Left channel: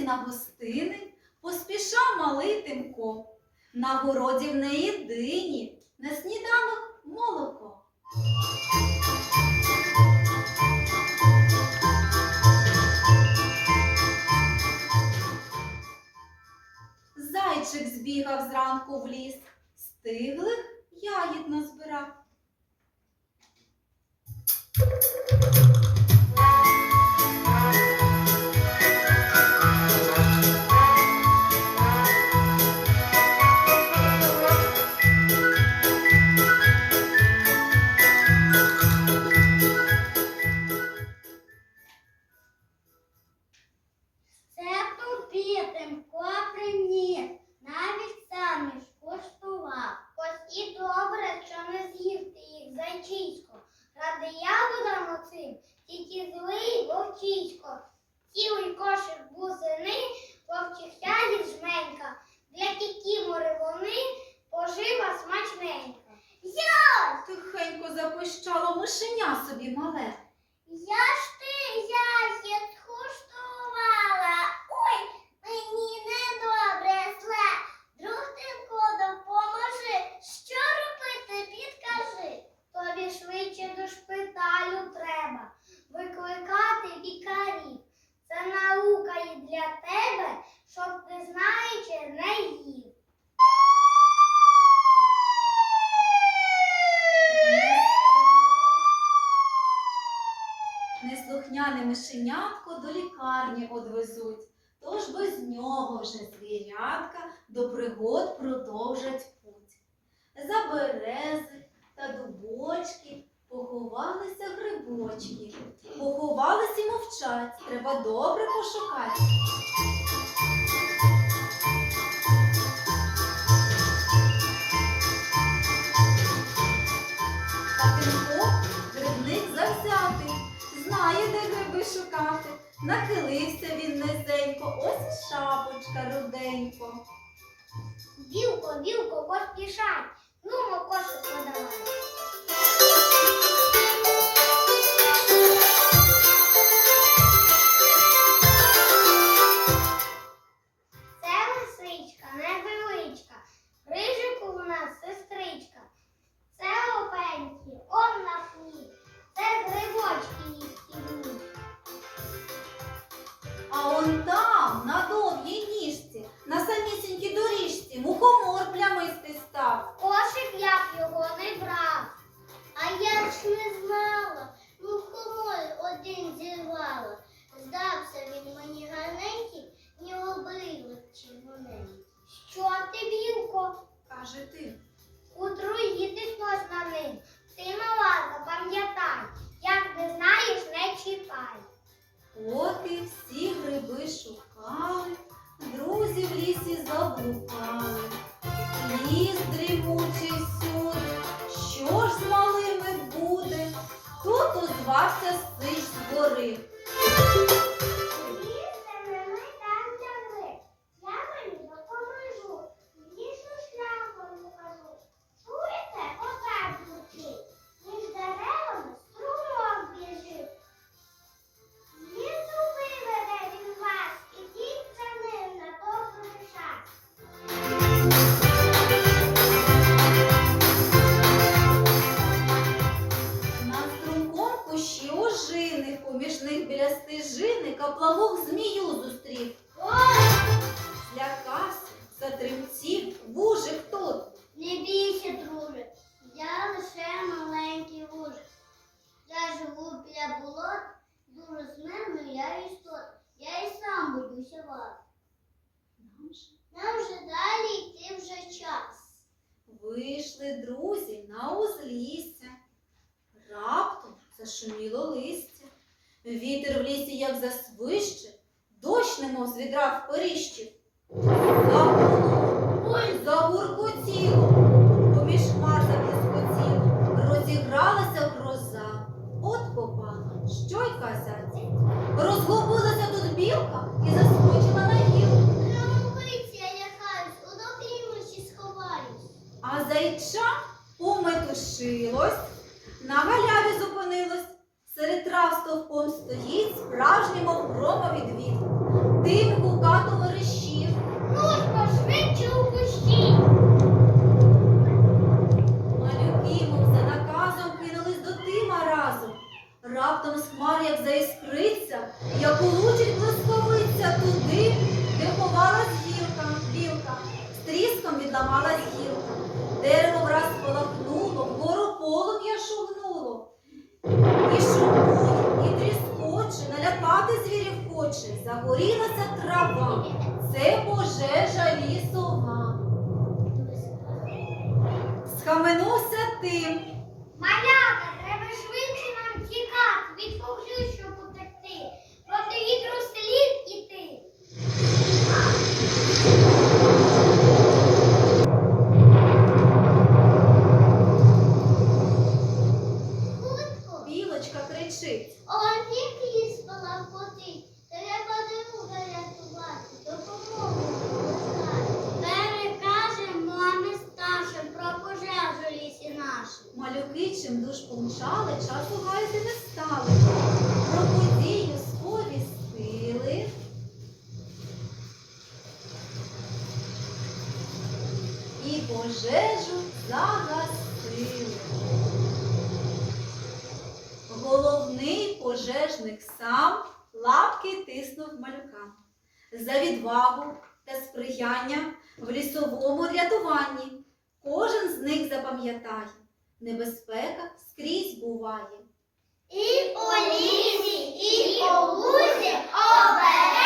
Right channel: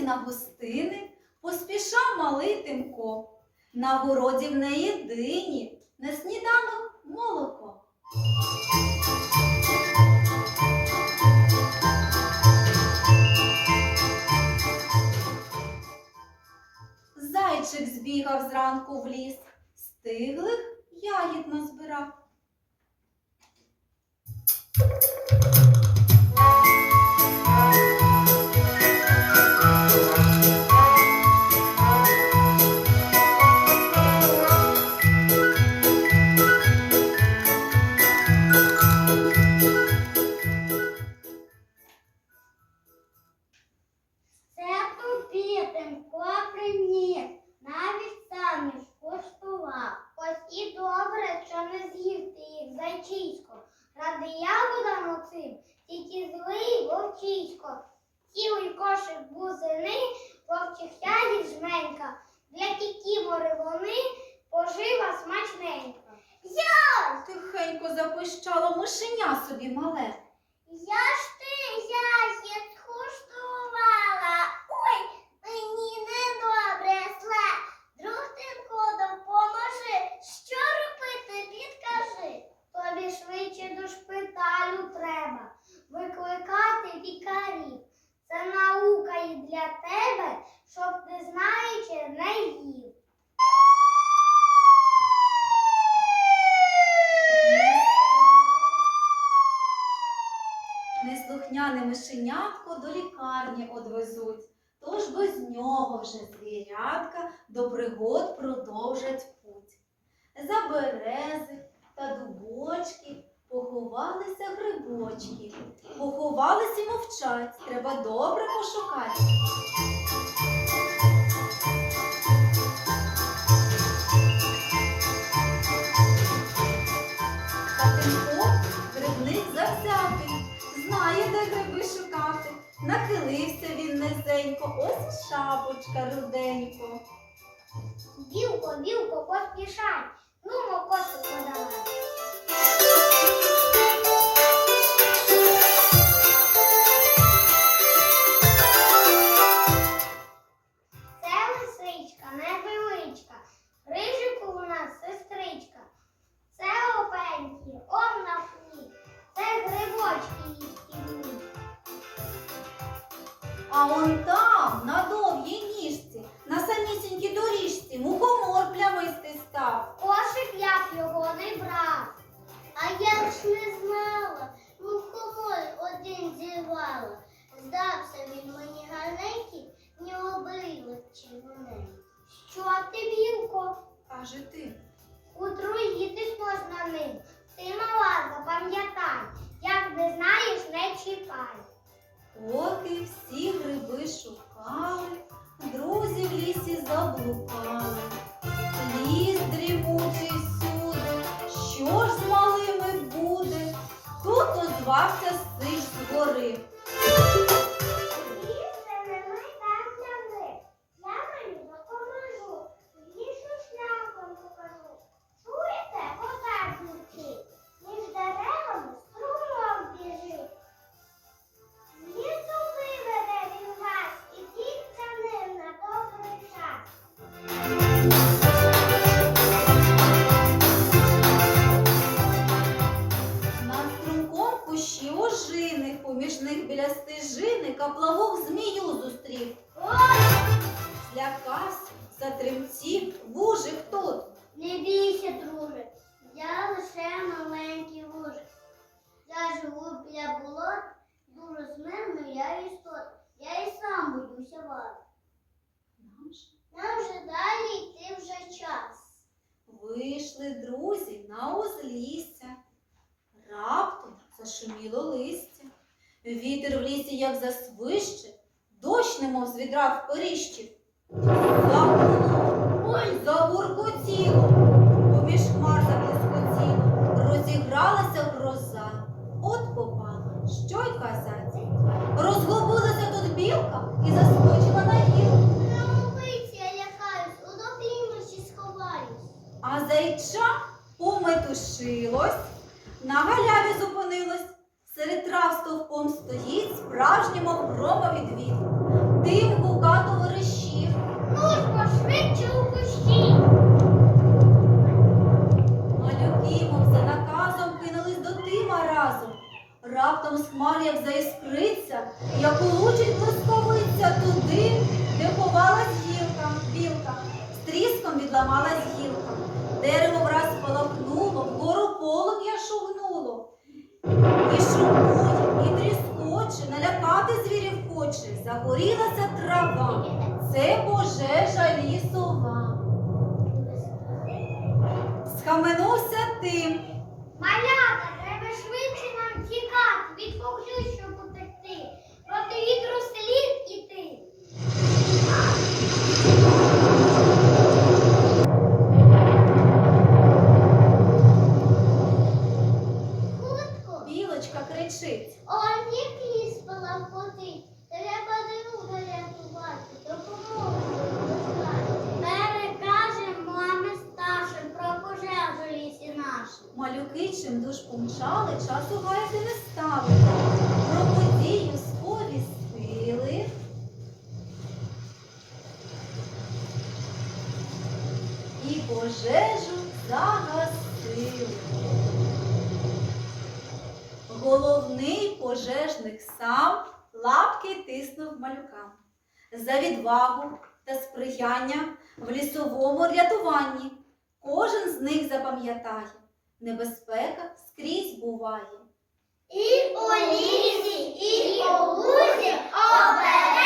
дорозі на гостини поспішав малий Тимко. На городі в неї дині, на сніданок молоко. Зайчик збігав зранку в ліс, стиглих мишеня собі мале. Я ж ти ягід скуштувала. Ой, мені недобре зле. Друг Тимко, допоможи. Що робити, підкажи. Тобі швидше до шпиталю треба. Викликати лікарів. Це наука і для тебе, щоб ти знаючи не їв. Неслухняне мишенятко до лікарні одвезуть, тож без нього вже звірятка до пригод продовжать путь. За берези та дубочки поховалися грибочки. Поховались і мовчать, треба добре пошукати. Знає, де гриби шукати. Нахилився він низенько, ось і шапочка руденько. Вілко, вілко, поспішай. Ну, кошик подавай. А он там, на довгій ніжці, на самісінькій доріжці, мухомор плямистий став. Кошик я б його не брав. А я ж не знала, мухомор один зірвала. Здався він мені гарненький, в нього брилик червоненький. Що ти, білко? Каже ти. Утруїтись можна ним. Ти мала, запам'ятай, як не знаєш, не чіпай. Поки всі гриби шукали, друзі в лісі заблукали. Ліс дрімучий сюди, що ж з малими буде? Тут озвався сиш з гори. Каплавок змію зустрів. Слякався, Злякався, Вітер в лісі як засвище, дощ немов з відра вперіщив. Загуло, ой, загуркотіло, поміж хмар заблискотіло, розігралася гроза. От попала, що й казати. Розгубилася тут білка і заскочила на гілку. Крамовиці я лякаюсь, у доклімочі сховаюсь. А зайча пометушилось, на галяві зупинилось. Серед трав стовпом стоїть справжній мов громовідвід. Дим гукато верещів. Ну ж бо швидше у кущі. Малюки, мов за наказом, кинулись до Тима разом. Раптом з хмар як заіскриться, як улучить блисковиця туди, де ховалась гілка, білка. З тріском відламалась гілка. Дерево враз полахнуло, вгору полум'я звірів. Загорілася трава. Це пожежа лісова. Схаменувся тим. Малята, чим душ помчали, часу гаяти не стали. Про подію сповістили. І пожежу загасили. Головний пожежник сам лапки тиснув малюкам. За відвагу та сприяння в лісовому рятуванні. Кожен з них запам'ятає, небезпека скрізь буває. І у лісі, і у лузі друзі.